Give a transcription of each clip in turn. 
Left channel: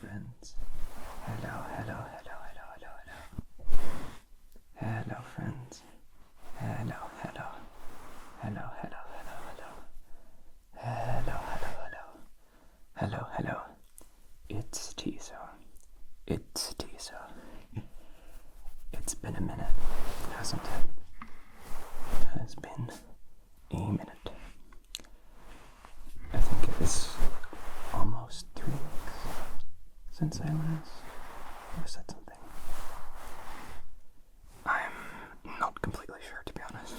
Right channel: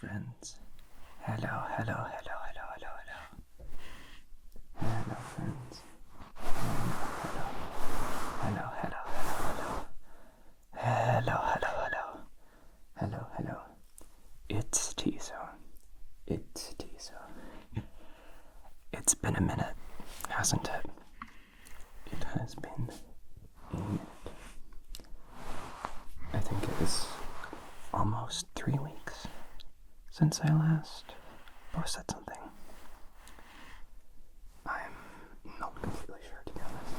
friends. Hello, hello, hello, hello, hello, hello. Hello, friends. Hello, hello. Hello, hello, hello, hello. Hello, hello, hello. Hello, hello. It's Tiso. It's Tiso. It's been a minute, hasn't it? It has been a minute. I think it is almost 3 weeks since I last posted something. I'm not completely sure, to be honest.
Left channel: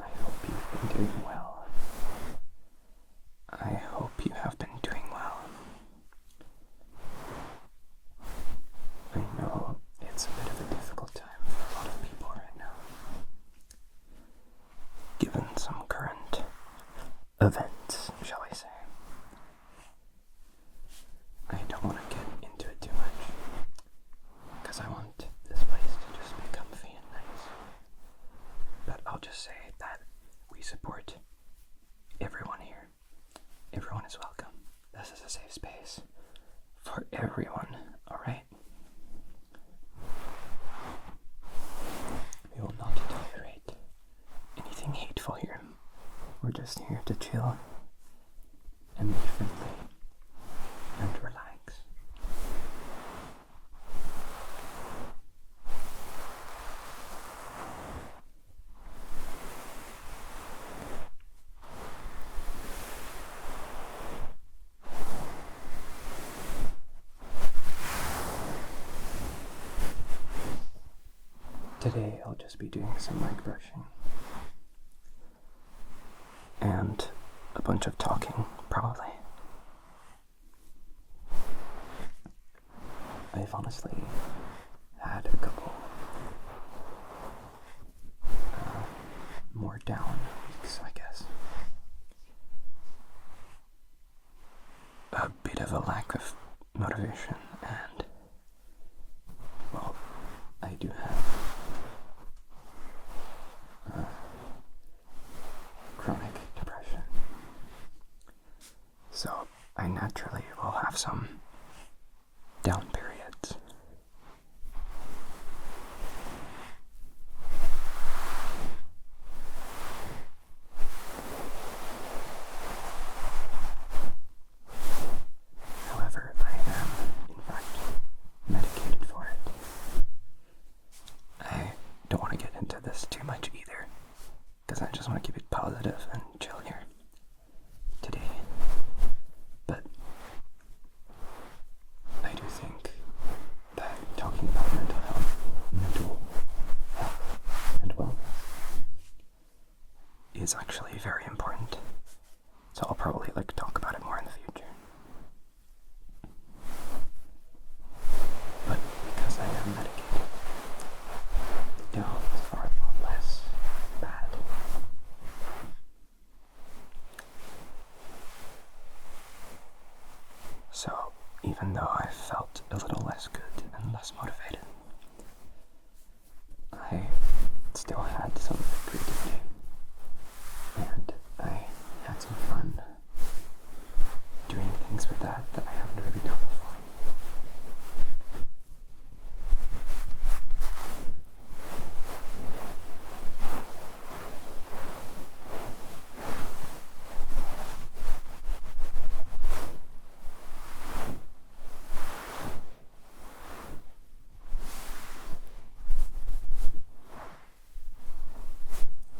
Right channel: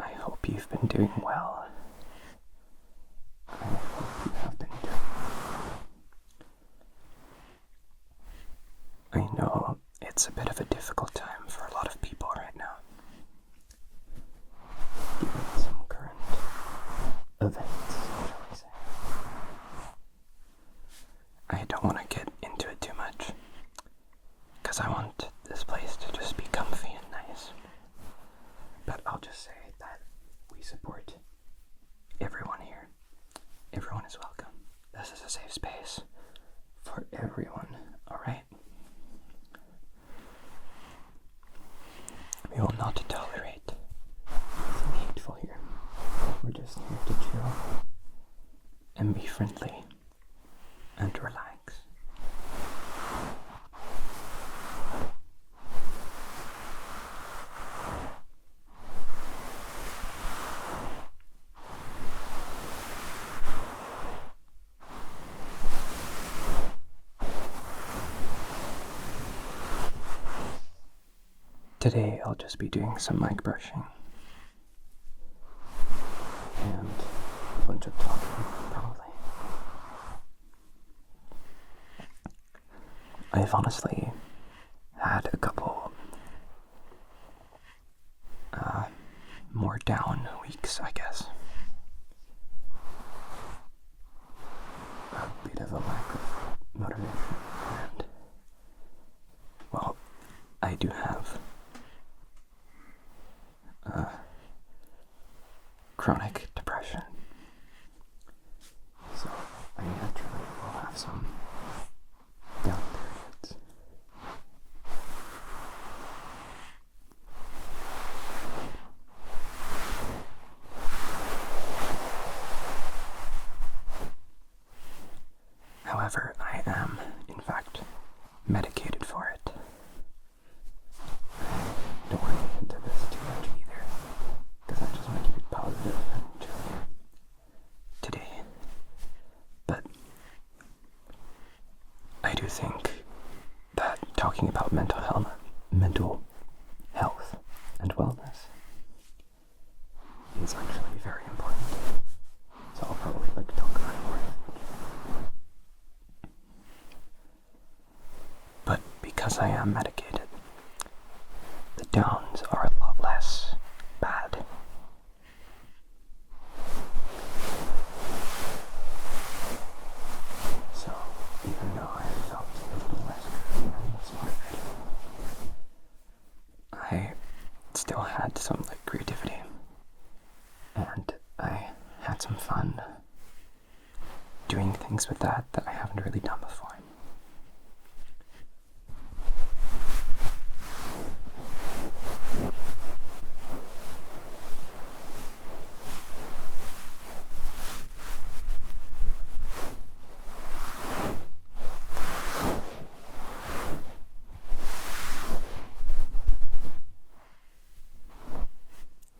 I hope you've been doing well. I hope you have been doing well. I know it's a bit of a difficult time for a lot of people right now, given some current events, shall we say. I don't want to get into it too much, because I want this place to just be comfy and nice. But I'll just say that we support everyone here. Everyone is welcome. This is a safe space for everyone, alright? We will not tolerate anything hateful here. We're just here to chill and be friendly and relax. Today I'll just be doing some mic brushing and a bunch of talking, probably. I've honestly had a couple more down weeks, I guess. A bit of a lack of motivation, and, well, I do have chronic depression, so I naturally will have some down periods. However, I am, in fact, medicated for it. I don't want to get into this too much either, because I just want to keep it positive and chill here today. But I do think that talking about mental health and wellness is actually very important. So I'll probably talk about it more in the future. But because I am medicated, the downs are a lot less bad. So even though I felt a little less good and less motivated, I still had some creativity, and I had some fun doing things with that I haven't really done before.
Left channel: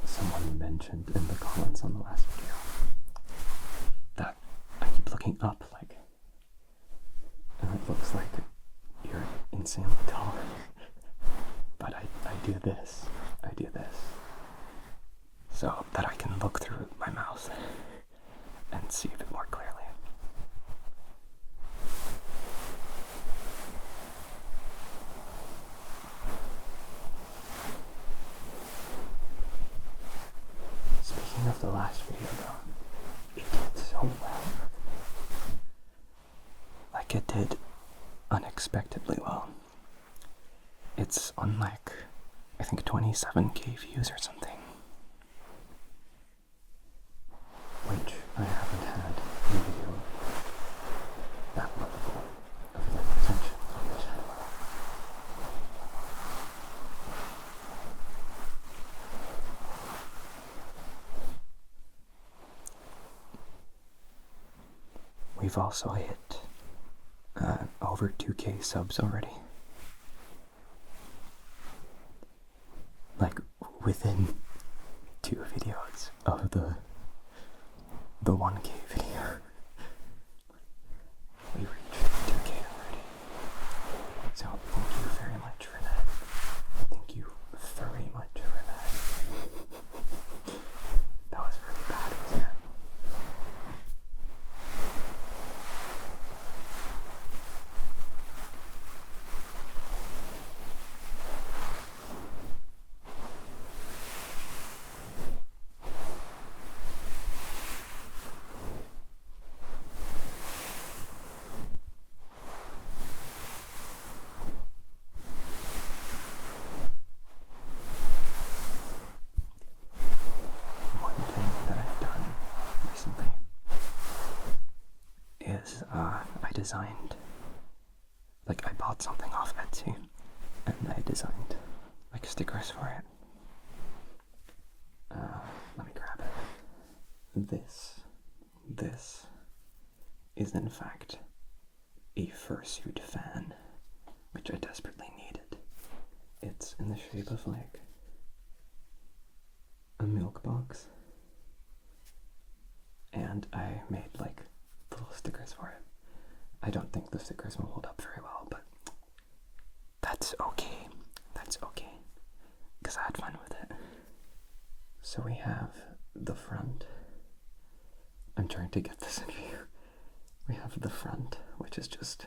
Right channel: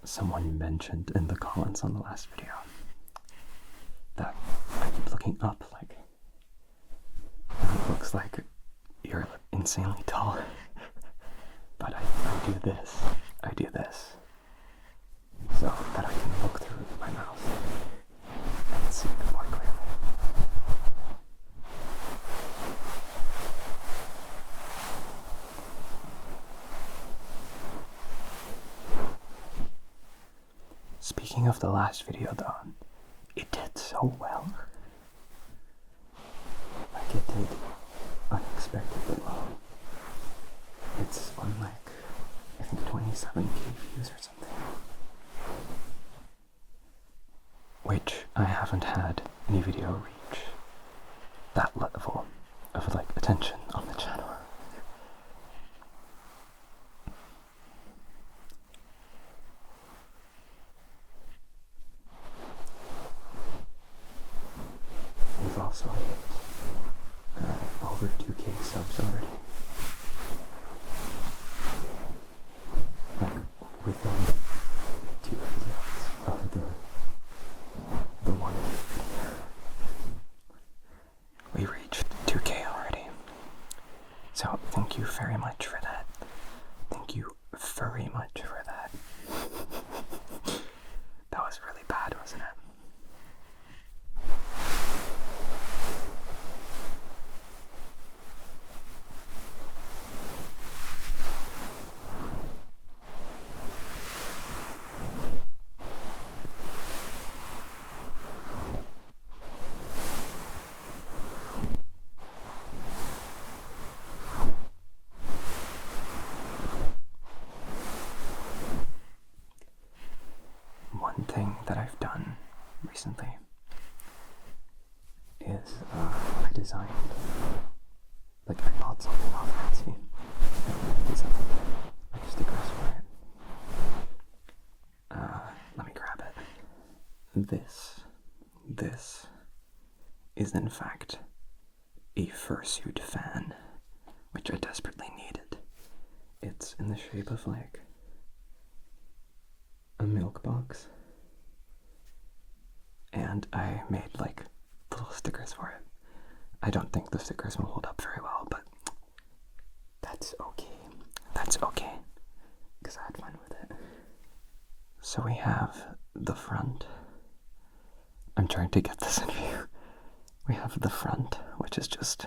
Someone mentioned in the comments on the last video that I keep looking up, and it looks like you're insanely tall. But I do this so that I can look through my mouth and see a bit more clearly. Speaking of the last video though, it did so well. It did unexpectedly well. It's on I think 27k views or something. which I haven't had any video reach that level of like attention on the channel. We've also hit over 2K subs already. Like within 2 videos of the 1K video. We reached 2K already. So thank you very much for that. Thank you very much for that. That was really bad, wasn't it? One thing that I've done recently is I designed, like I bought something off Etsy and I designed like stickers for it. Let me grab it. This is in fact a Fursuit fan, which I desperately needed. It's in the shape of like a milk box, and I made like little stickers for it. I don't think the stickers will hold up very well, but that's okay. That's okay, because I had fun with it. So we have the front. I'm trying to get this in view. We have the front, which is just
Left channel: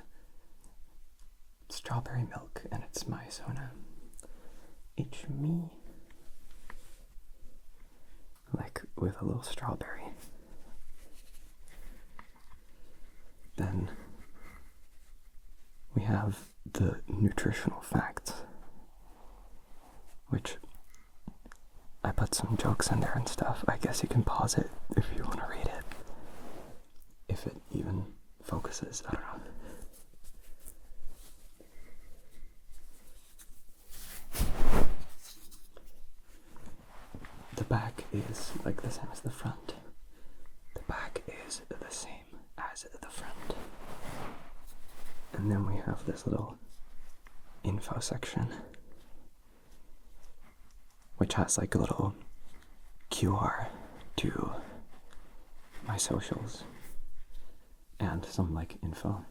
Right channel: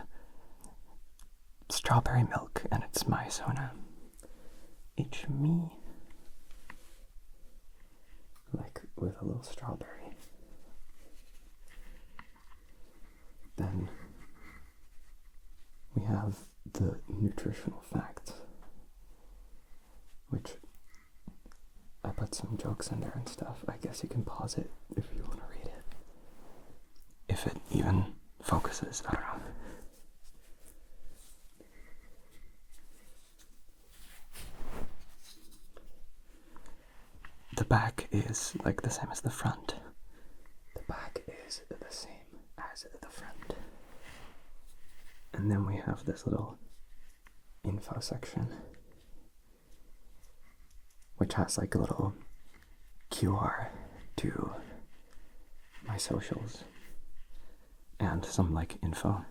strawberry milk, and it's my Sona. It's me. Like with a little strawberry. Then we have the nutritional facts, which I put some jokes in there and stuff. I guess you can pause it if you want to read it. If it even focuses, I don't know. The back is like the same as the front. The back is the same as the front. And then we have this little info section, which has like a little QR to my socials and some like info.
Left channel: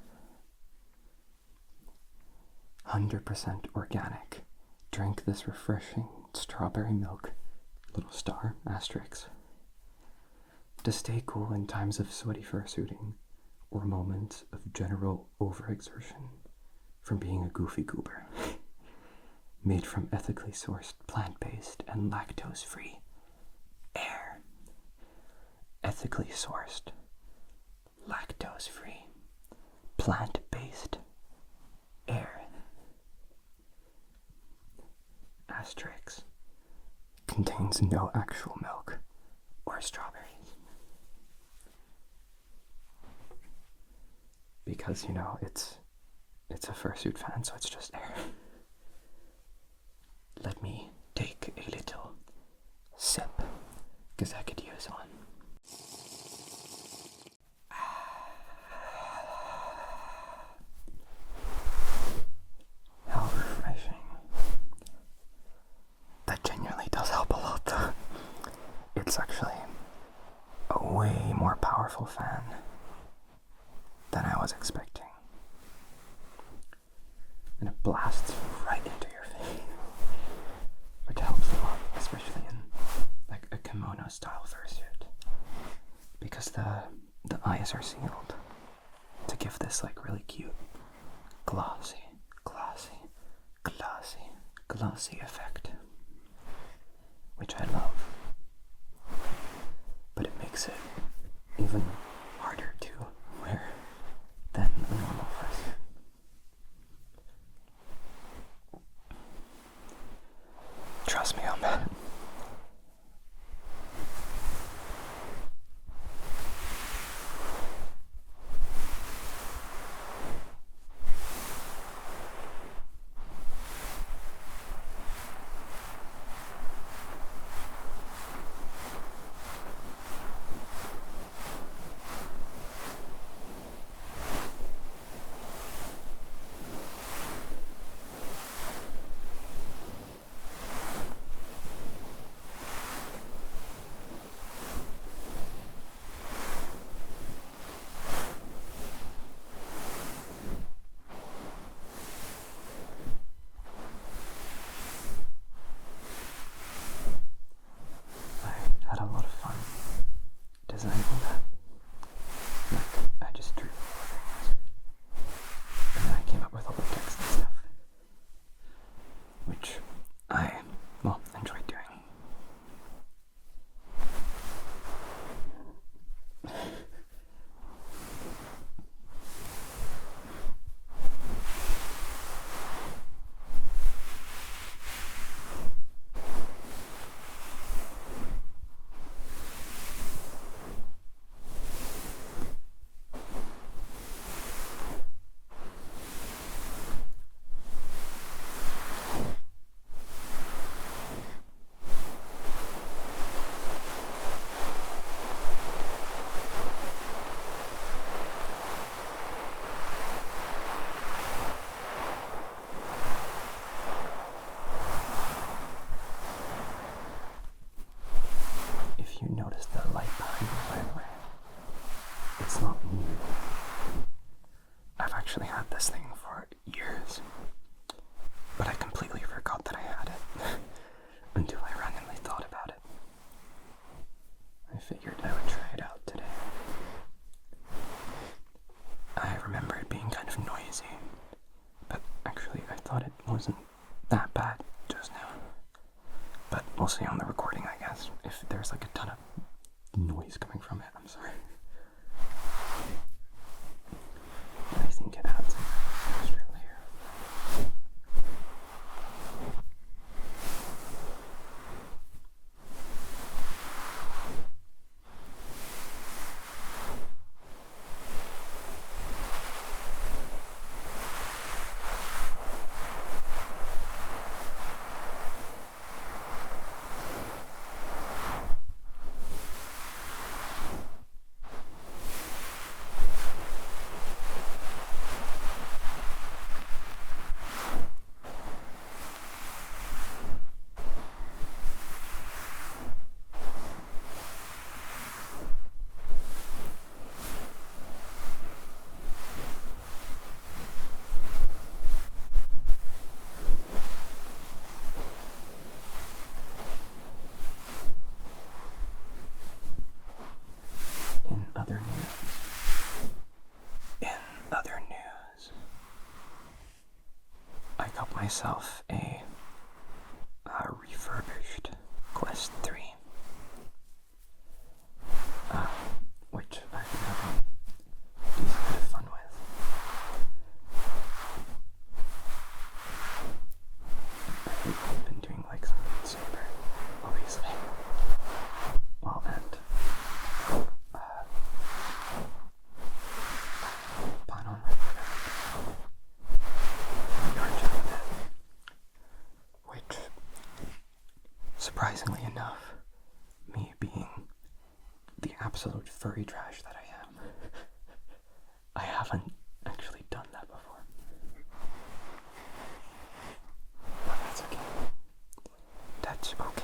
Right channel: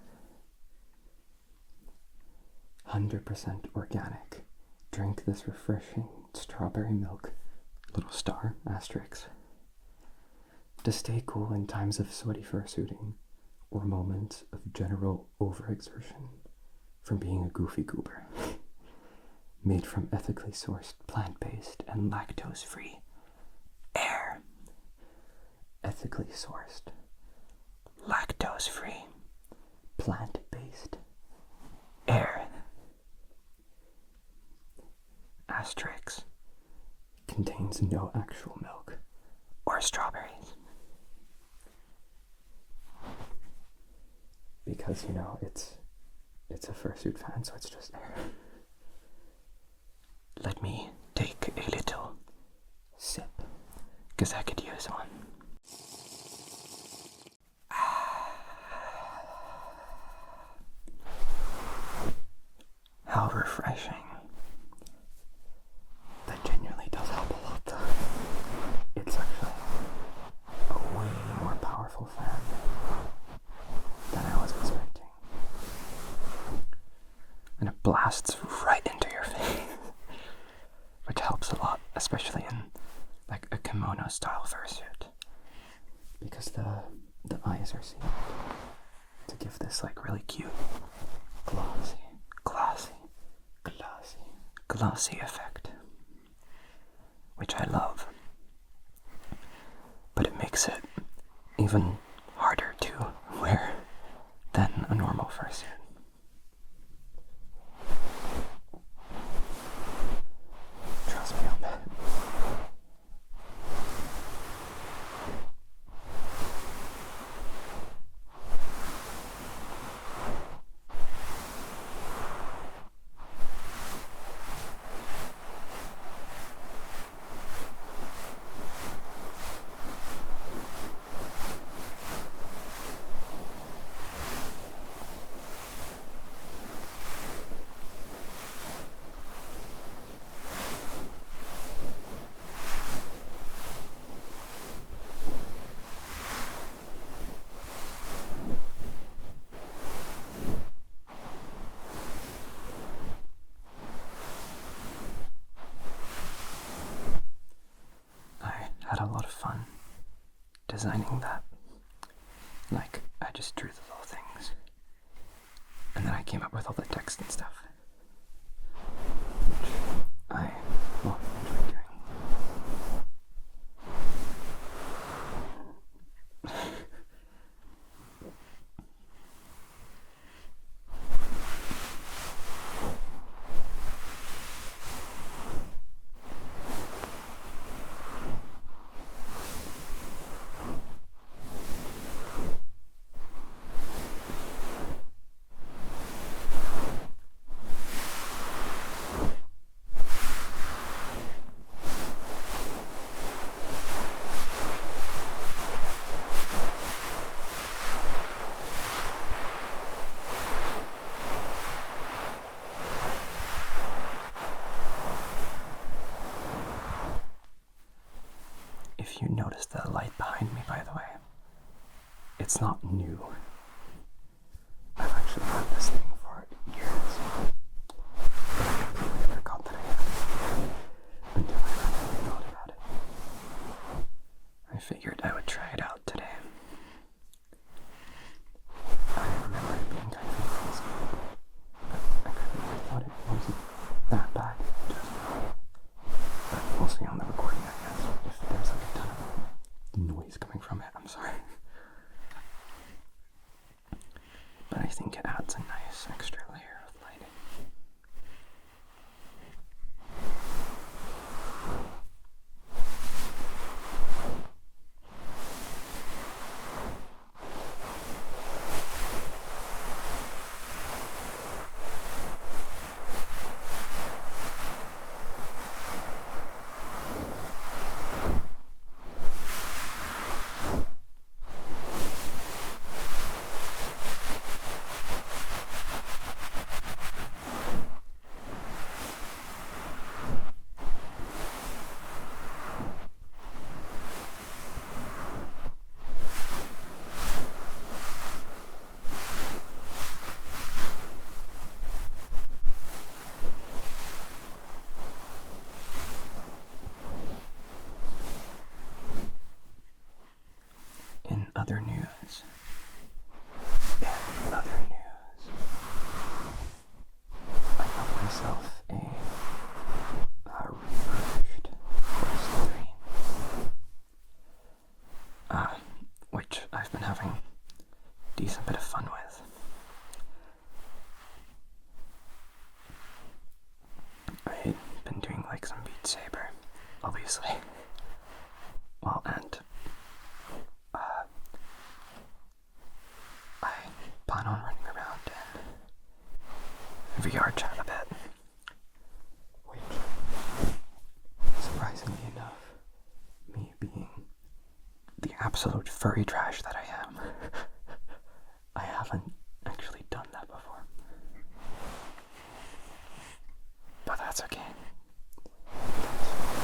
100% organic. Drink this refreshing strawberry milk, little star, asterisk, to stay cool in times of sweaty fursuiting or moments of general overexertion from being a goofy goober. Made from ethically sourced plant-based and lactose-free air. Ethically sourced, lactose-free, plant-based air. Asterisk. Contains no actual milk or strawberries. Because, you know, it's a Fursuit fan, so it's just air. Let me take a little sip, because I could use one. How refreshing. That genuinely does help a lot, though. It's actually a way more powerful fan than I was expecting. And it blasts right into your face, which helps a lot, especially in like a kimono style fursuit, because the eyes are sealed to give this like really cute glossy effect, which I love, but it makes it even harder to wear than a normal fursuit. Trust me on that. designing that. Like, I just drew the little things. And then I came up with all the text and stuff. Which I, well, enjoyed doing. If you notice the light behind me, by the way, it's not new. I've actually had this thing for years, but I completely forgot that I had it until I randomly thought about it. I figured I would try it out today. I remember it being kind of noisy, but actually I thought it wasn't that bad just now. But we'll see on the recording, I guess. If there's like a ton of noise coming from it, I'm sorry. But I think it adds a nice extra layer of light. Other news, I got myself a refurbished Quest 3, which I've been having a decent bit of fun with. I've been doing like some Beat Saber, obviously. Well, and I plan on running around VR chat a bit, which, surprisingly enough, me being the absolute furry trash that I am, I haven't actually done that before. But that's okay. That's okay.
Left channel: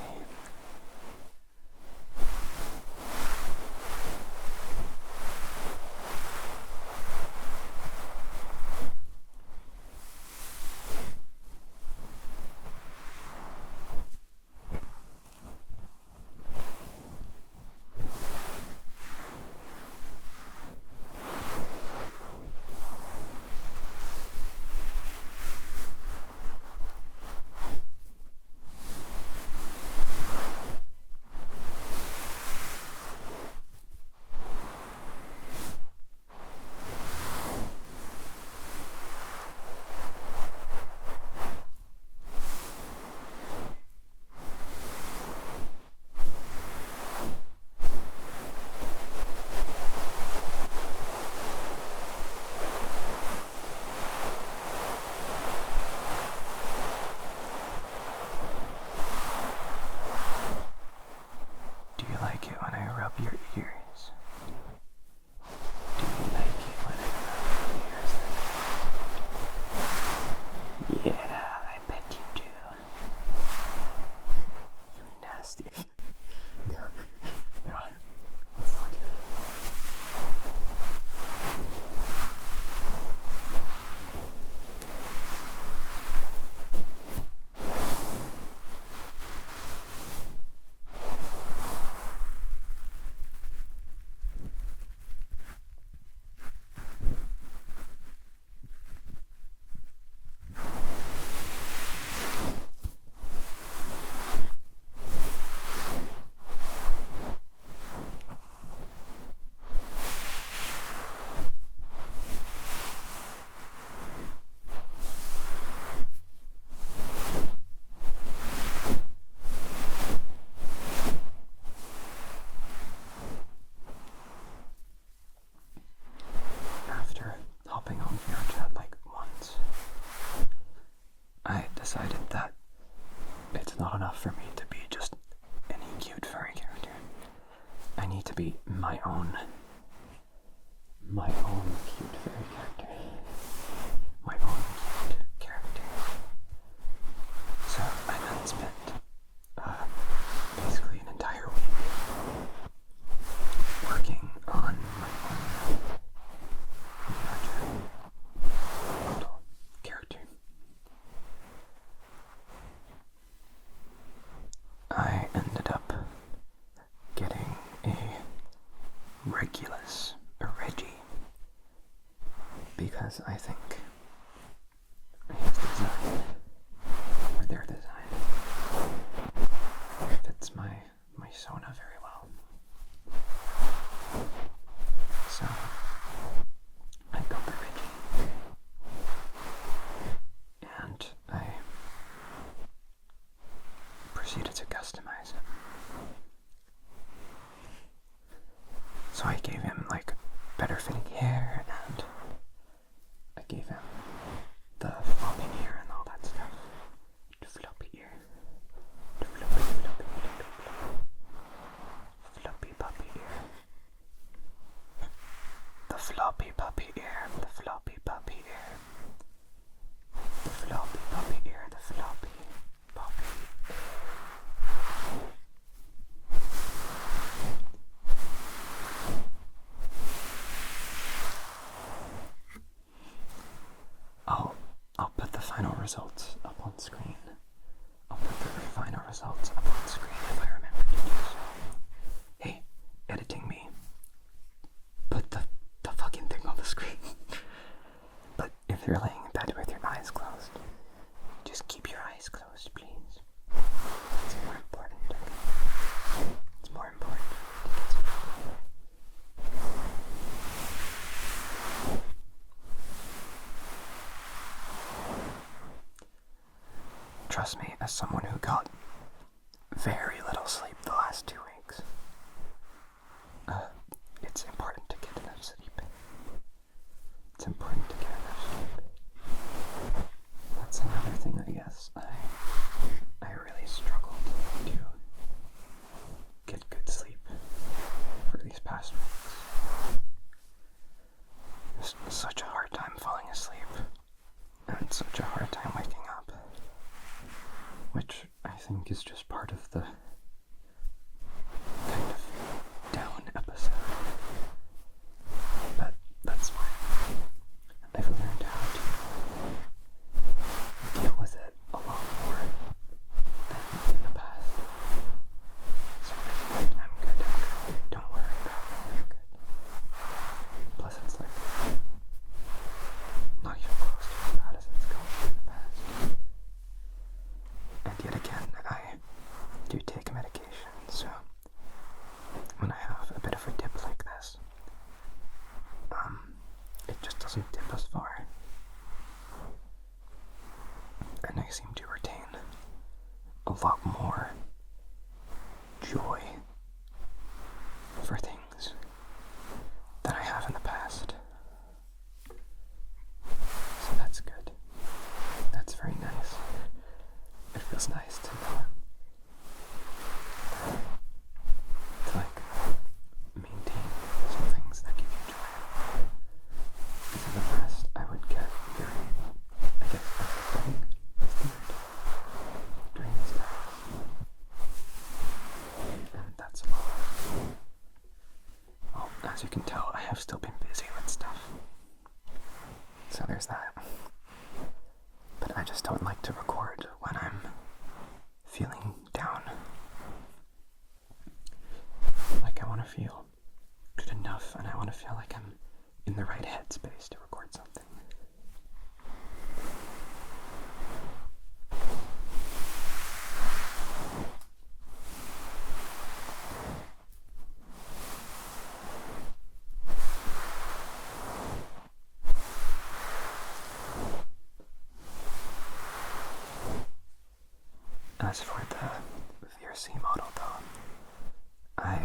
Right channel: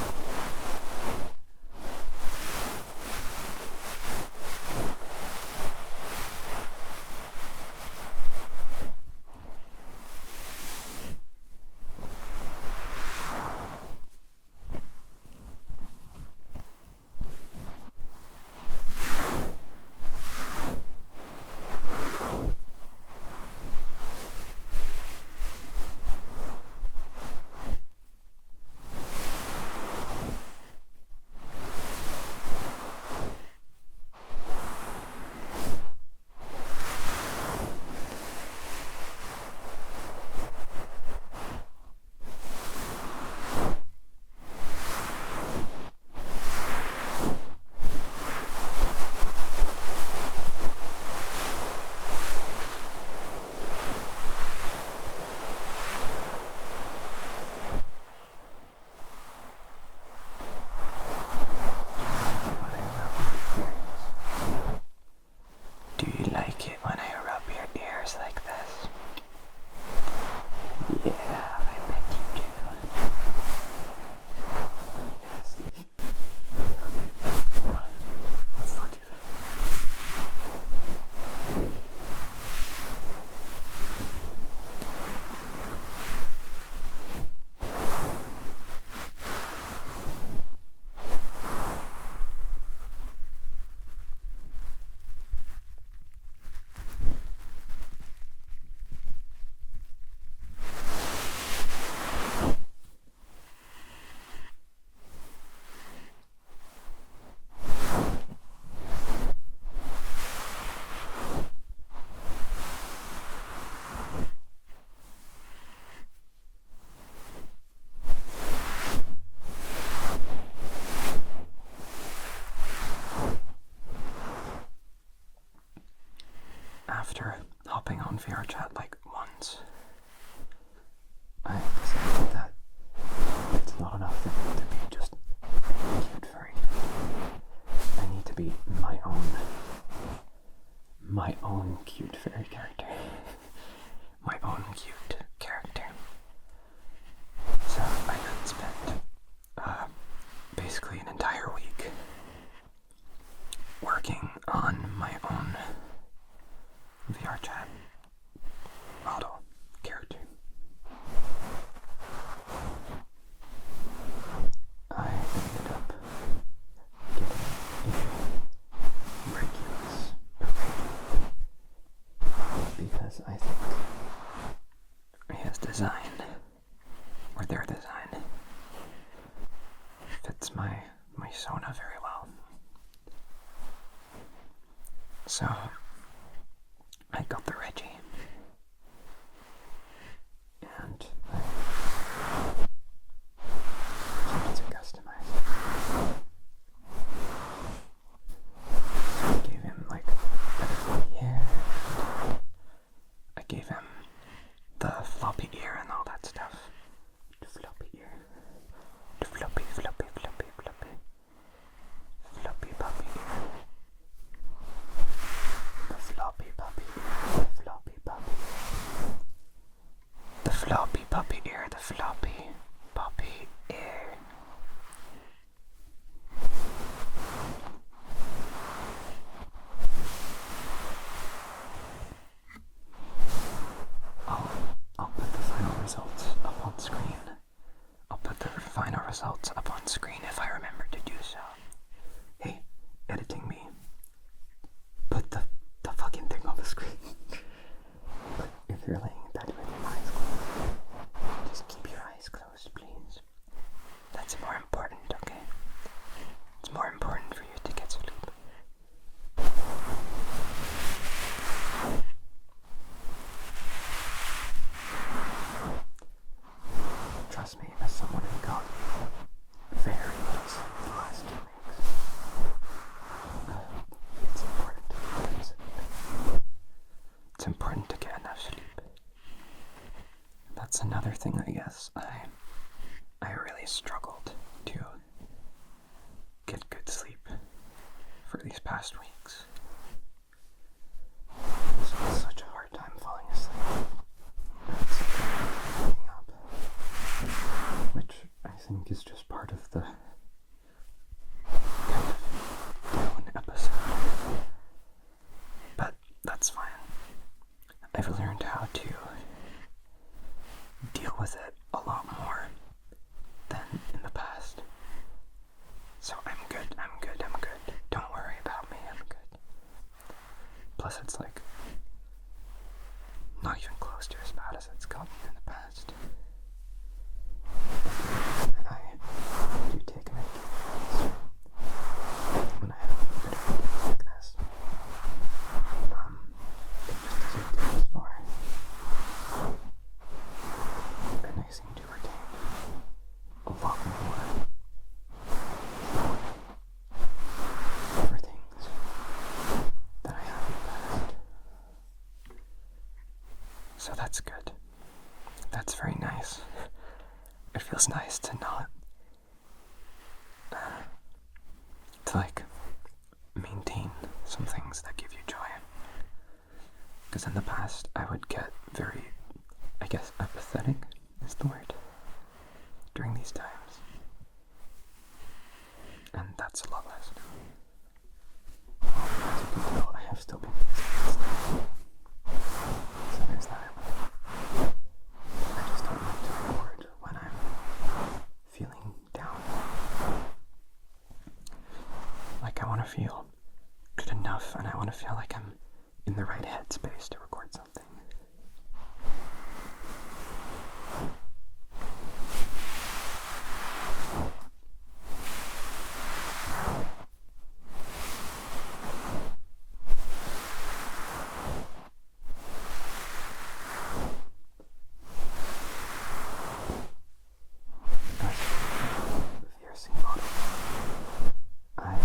to be my own cute fairy character. My own cute character. So I then spent basically an entire week working on my own VRChat model character. I ended up getting a Regulus, a Reggie, because I think his design, or their design, fits my Sona very well. So I got the Reggie, and I proceeded to customize it. So I gave him like better floppy hair, and I gave him the floppy ear and all that stuff. The floppy ear. The floppy puppy ear. The floppy puppy ear. The floppy puppy ear. The floppy puppy ear. The floppy puppy ear. I'll put the final results up on screen. I'll put the final results up on screen if I remember to do so. Hey, editing me. Put the fucking thing on the screen. But if you're laying in bed with your eyes closed, just keep your eyes closed, please. That's more important, okay? It's more important for you to get sleep. Trust me, as someone who got very little sleep the last 2 weeks, it's important to get enough sleep. It's important to get enough sleep. That's another thing, I guess. I really struggled to get good sleep for these past weeks. It's such a hard time falling asleep. And it's such a hard time waking up. Which I think is just part of the kind of down episode. But that's fine. I've learned how to deal with it a lot more than in the past. So I'm good. Don't worry about me, I'm good. Plus it's like not even close to as bad as it's gotten in the past. And yet again, I do take medication, so when I have a bit of a dip like this, it just doesn't dip as far. And I seem to retain a lot more joy for things than I have in the past. So that's good. That's very nice. It feels nice to not to like maintain some things that give you joy. Because in the past I would get very, I guess, apathetic is the word during these times. And that's a lot less. Well, as you can tell, I have still been busy and stuff. So there's that. But I just don't like to record when I'm feeling down. Like I want to feel good enough, and I want to feel like I'm in the right headspace to record something. As for the Fursuit model though, I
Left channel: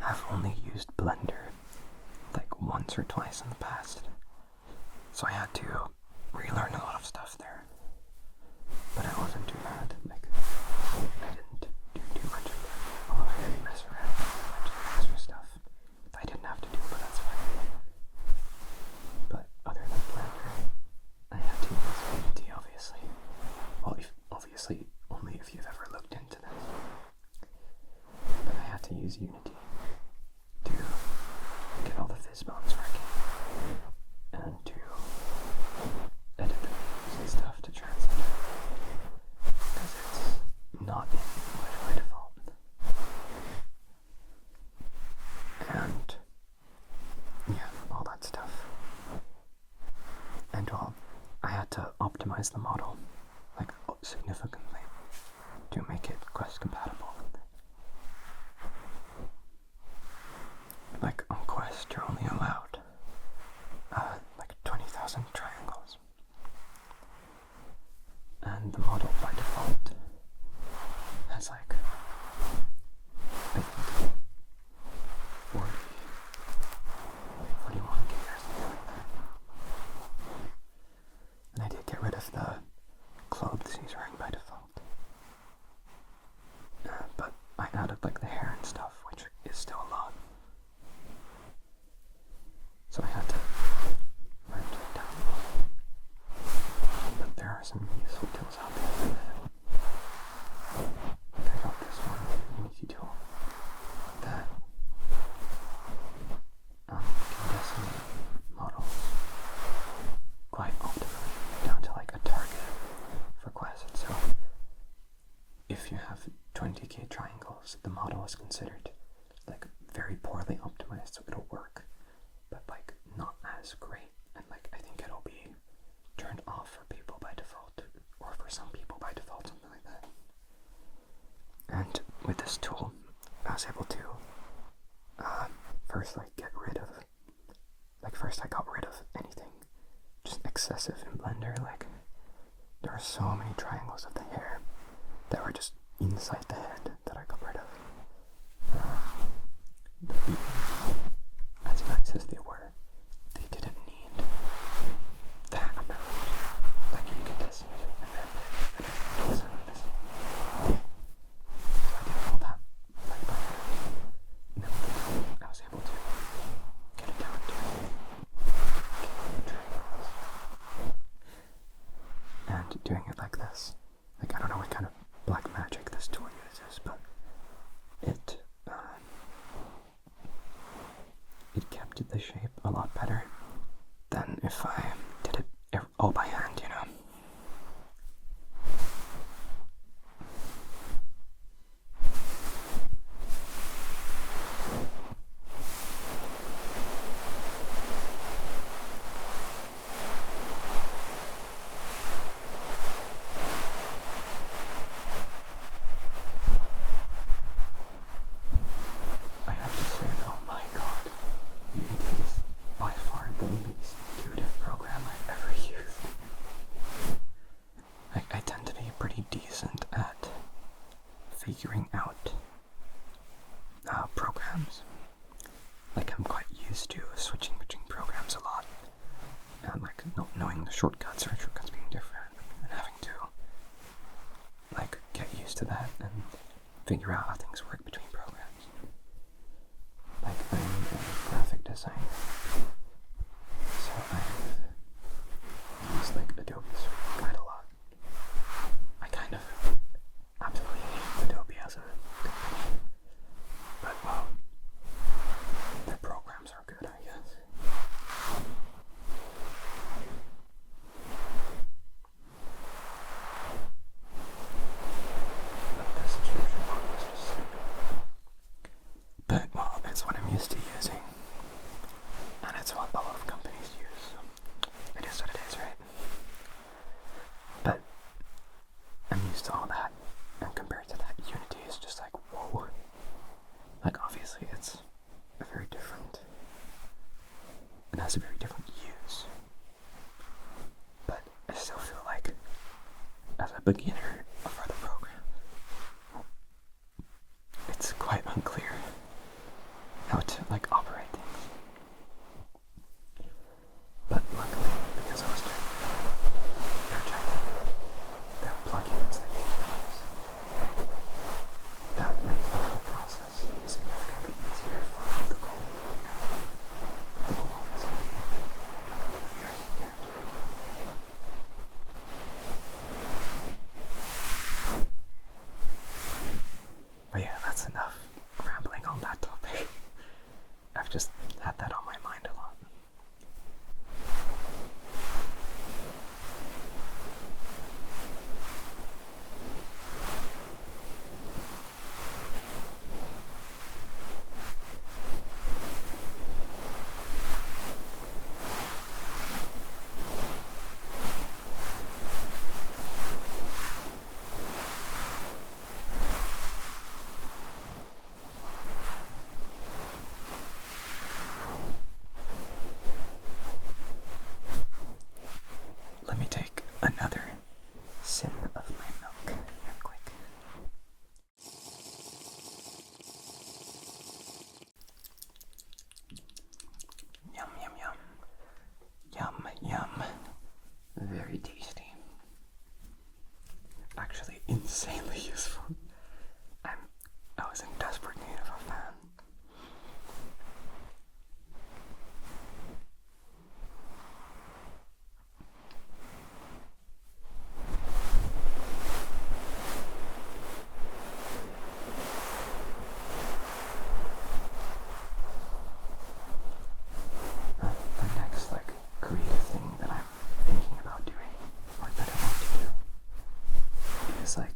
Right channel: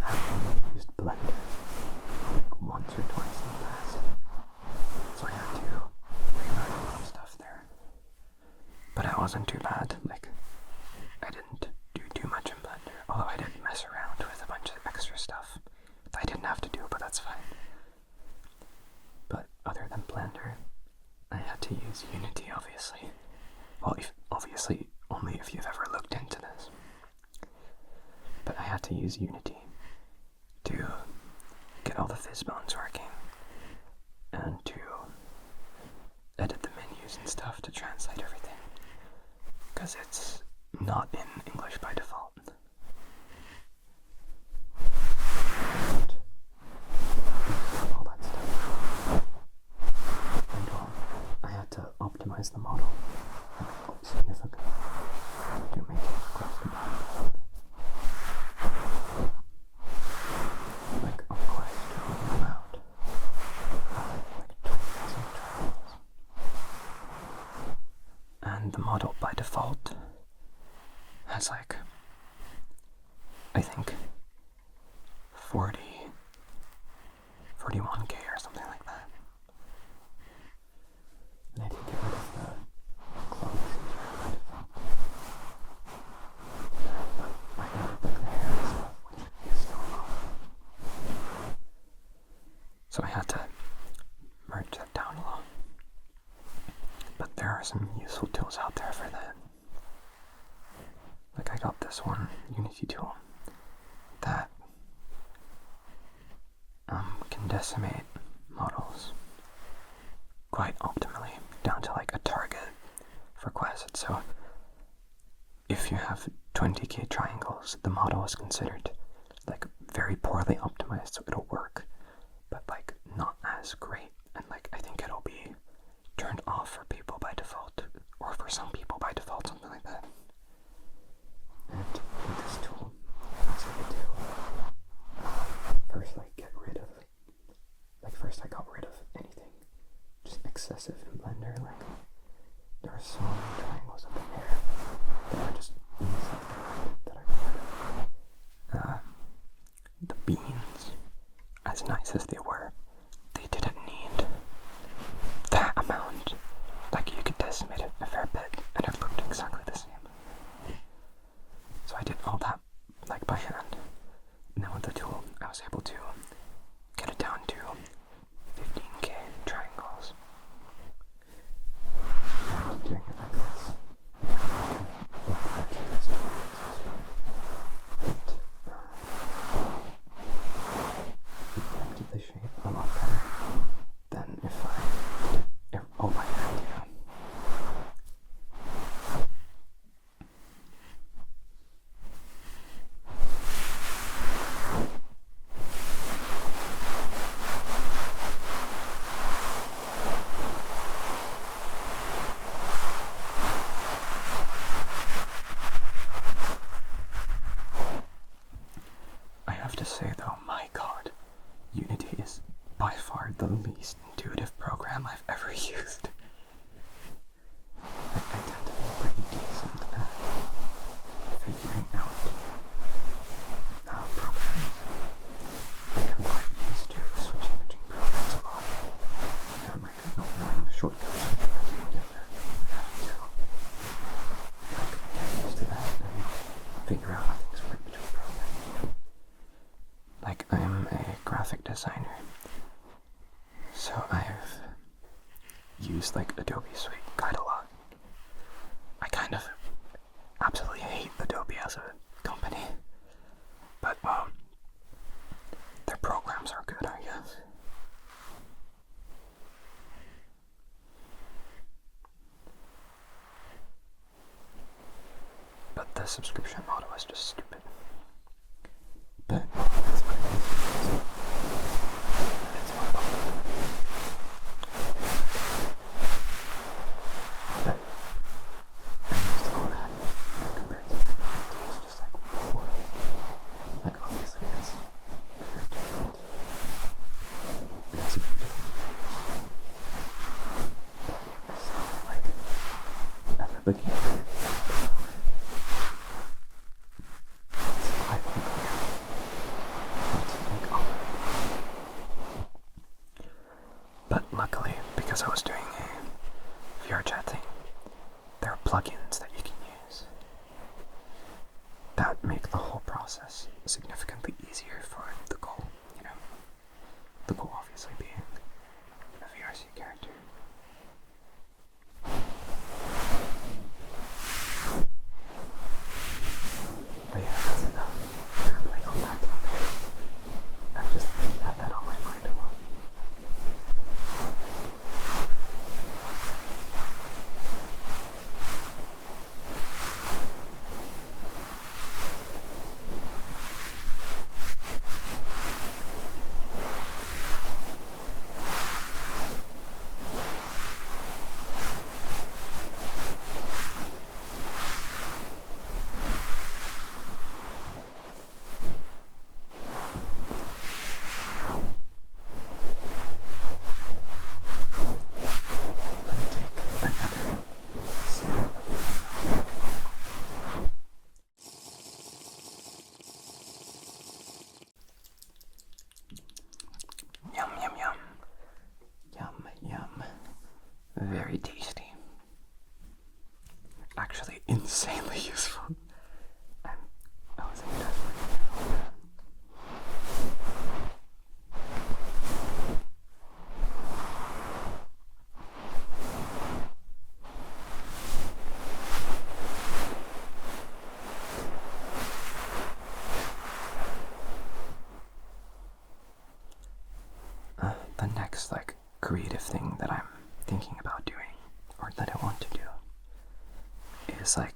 have only used Blender like once or twice in the past, so I had to relearn a lot of stuff there. But it wasn't too bad. Like, I didn't do too much in Blender, although I did mess around with a bunch of extra stuff. not in English by default. And all that stuff. And I had to optimize the model like significantly to make it cross compatible. Like on Quest, you're only allowed like 20,000 triangles, and the model by default has like, I think 41k or something like that. And I did get rid of the clothes these are by default. But I added like the hair and stuff, which is still a lot. So I had to merge that down a lot. But there are some useful tools out there for that. Like I got this one Unity tool that can decimate models quite optimally down to like a target for Quest. So if you have 20k triangles, the model is considered like very poorly optimized, so it'll work, but like not as great, and like I think it'll be turned off for people by default, or for some people by default, something like that. And with this tool, I was able to first I got rid of anything just excessive in Blender. Like there are so many triangles of the hair that were just inside the head that I got rid of. The beams, as nice as they were, they didn't need that amount. Like you could decimate it a fair bit and it looked exactly the same. So I did all that like by hand. And then with the tool I was able to get it down to 50k triangles. And doing it like this, like I don't know what kind of black magic this tool uses, but it kept the shape a lot better than if I did it all by hand, you know. I have to say though, my god, Unity is by far the least intuitive program I've ever used. I tend to be pretty decent at figuring out programs. Like I'm quite used to switching between programs a lot. And like not knowing the shortcuts or shortcuts being different and having to like get used to that and figure out how things work between programs. Like I'm a graphic designer, so I've used like Adobe Suite quite a lot. I kind of absolutely hate Adobe as a company, but well, their programs are good, I guess. But the subscription model is just stupid. But well, that's what it needs to be, isn't it? And it's what public companies use. It is what it is. But I'm used to all that, and compared to that, Unity is just like, whoa. Like obviously it's very different. It has a very different use. But I still feel like, as a beginner, it's quite unclear how to like operate. But luckily, because I was doing VR chatting, there are plugins that you can use that make the whole process significantly easier for the goal. You know, the goal obviously being the VRC character. But yeah, that's enough rambling on that topic. I've just had that on my mind a lot. Yum, yum, yum. Yum, yum. Very tasty. Actually, insanely useful. I was in desperate need of that. The next, creative thing that I'm thinking about doing, or that I want to do, is a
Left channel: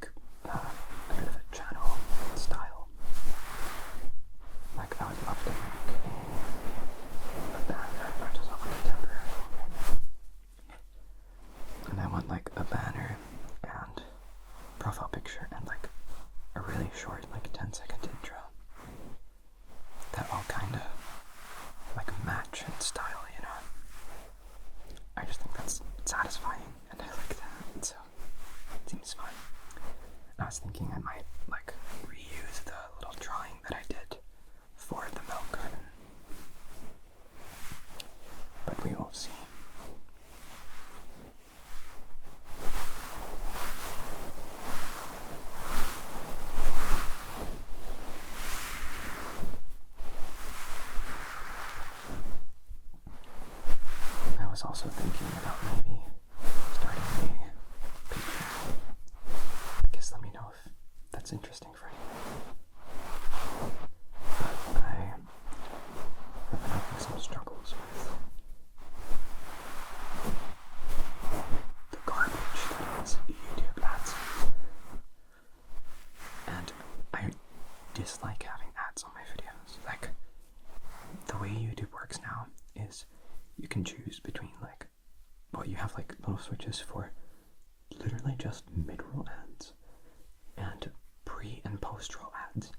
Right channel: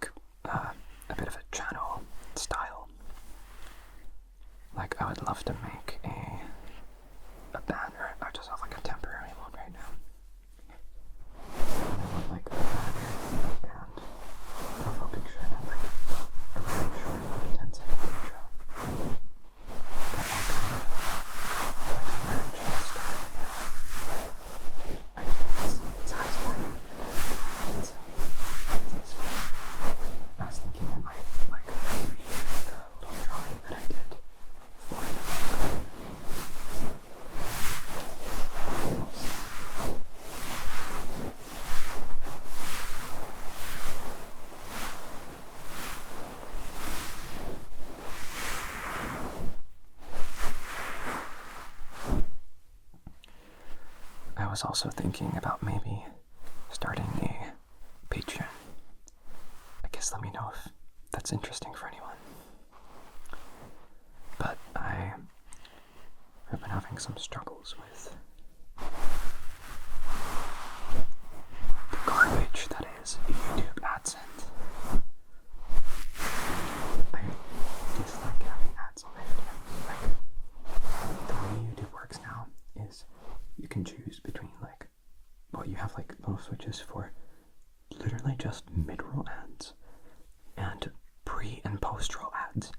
bit of a channel style. I would love to make a banner. I just have a temporary one right now. And I want a banner and profile picture and a really short 10-second intro that all kind of match its style, you know. I just think that's satisfying and I like that, so it seems fun. I was thinking I might reuse the little drawing that I did for the book. But we will see. I was also thinking about maybe starting a Patreon. I guess let me know if that's interesting for anyone. But I have been having some struggles with the garbage that is YouTube AdSense. And I dislike having ads on my videos. The way YouTube works now is you can choose between you have little switches for literally just mid-roll ads and pre and post-roll ads.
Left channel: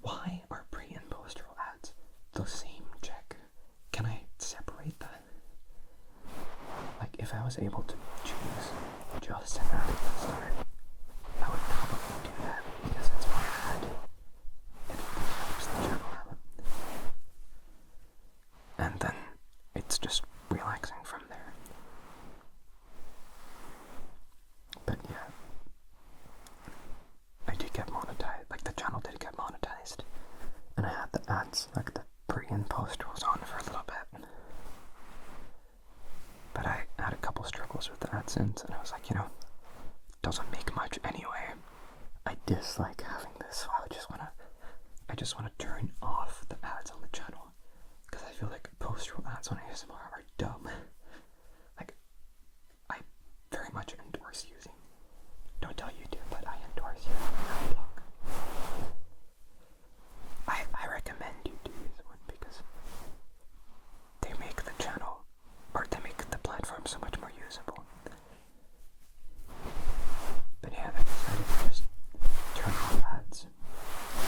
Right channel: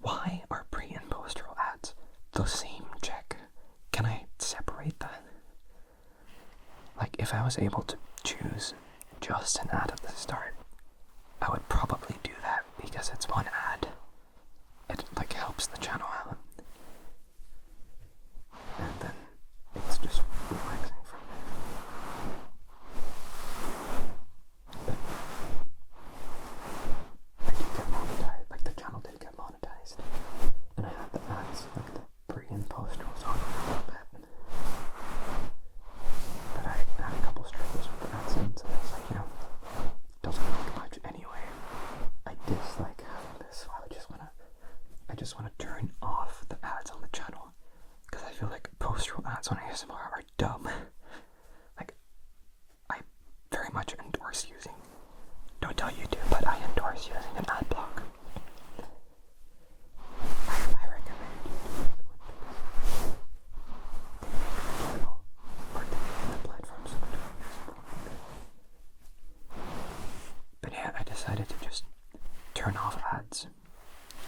Why are pre and post-roll ads the same check? Can I separate that? If I was able to choose just an ad at the start, I would probably do that because it's one ad. It helps the channel out. And then it's just relaxing from there. But yeah, I did get monetized, the channel did get monetized, and I had the ads, the pre and post rolls on for a little bit. But I had a couple struggles with the AdSense, and I was it doesn't make much anyway. I dislike having this, so I just wanna turn off the ads on the channel, because I feel post-roll ads on ASMR are dumb. I very much endorse using, don't tell YouTube, but I endorse using an ad block. I recommend you do this one because they make the channel, or they make the platform so much more usable. But yeah, I decided to just turn off ads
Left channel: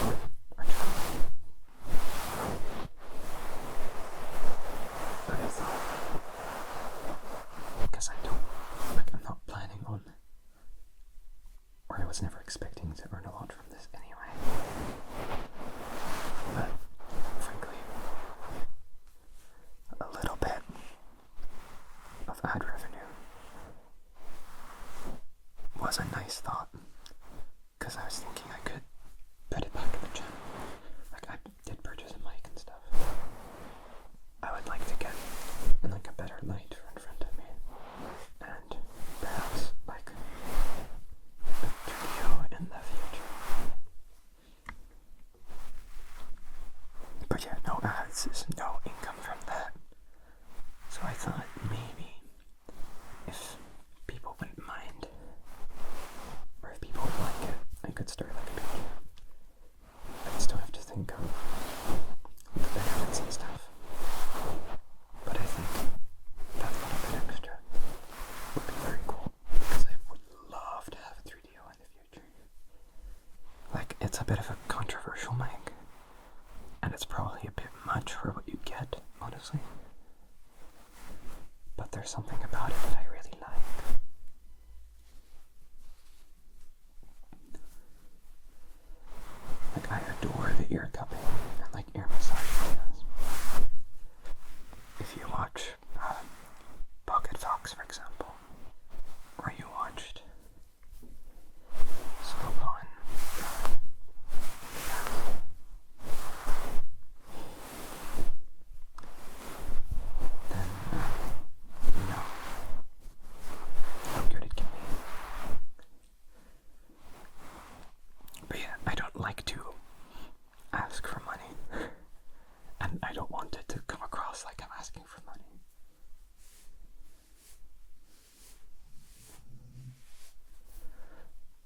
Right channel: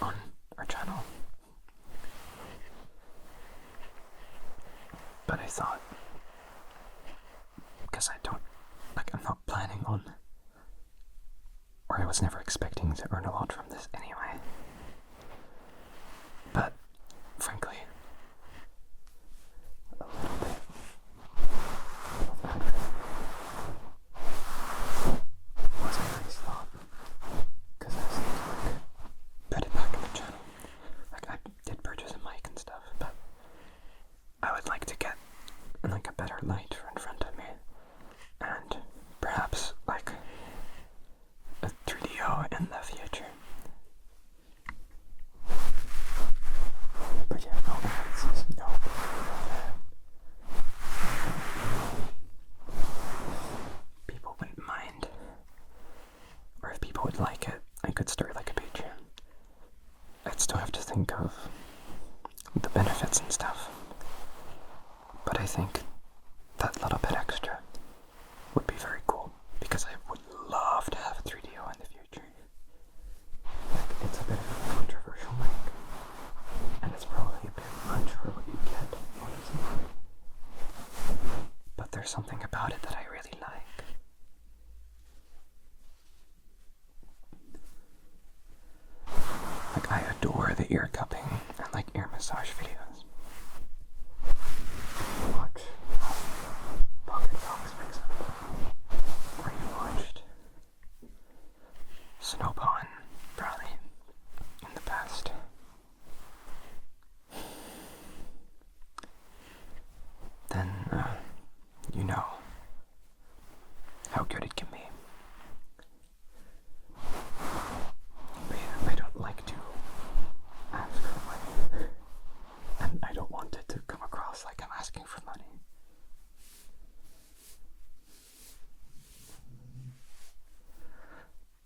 on our channel. But I thought, because I'm not planning on, or I was never expecting to earn a lot from this anyway. But, frankly, a little bit of ad revenue was a nice thought, because I was thinking I could put it back in the channel. I did purchase a mic and stuff, but I would like to get a better light in front of me, and perhaps a 3DO in the future. But yeah, no ads, there's no income from that. So I thought maybe if people wouldn't mind, or if people would like it, I could start a Patreon. I'd still have to think of the benefits and stuff. But I think that little bit extra would be very cool, because I would love to have a 3DO in the future. It's a bit of a controversial mic, and it's probably a bit much for what you get, honestly. But there's something about it that I really like. I adore the ear cupping and ear massage videos. almost like I'm asking for money.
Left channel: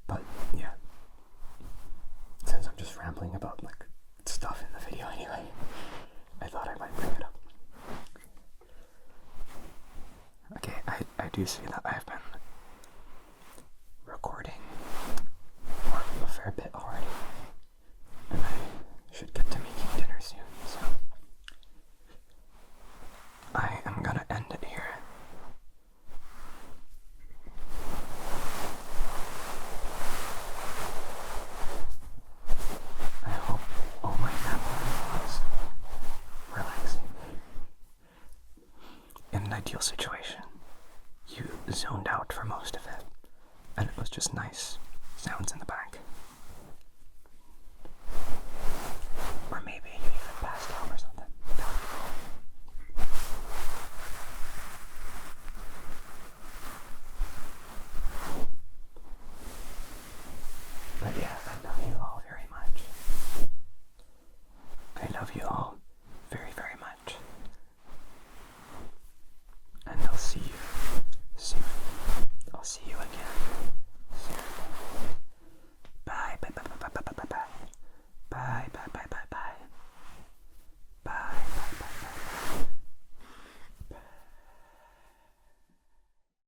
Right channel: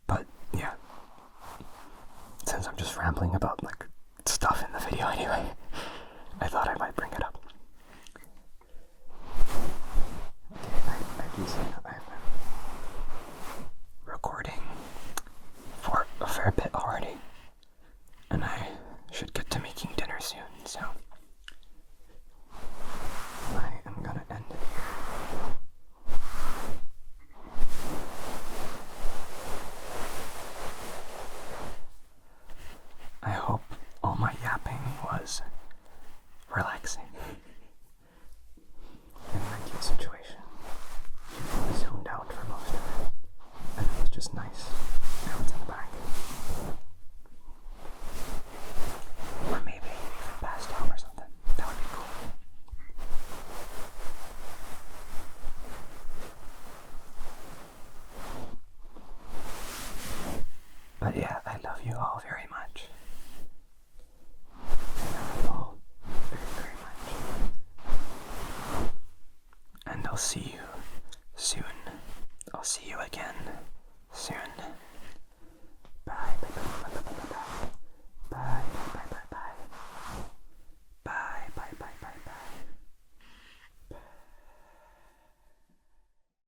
But yeah, since I'm just rambling about like stuff in the video anyway, I thought I might bring it up. Okay, I do say that I've been recording for a fair bit already, and I should get to making dinner soon, so I am gonna end it here. I hope all my yapping was relaxing. In an ideal situation, you zoned out for most of it, and it was just nice sounds in the back. Or maybe you even passed out or something. That would be cool. But yeah, I love you all very much. I love you all very, very much. And I'll see you soon. I'll see you again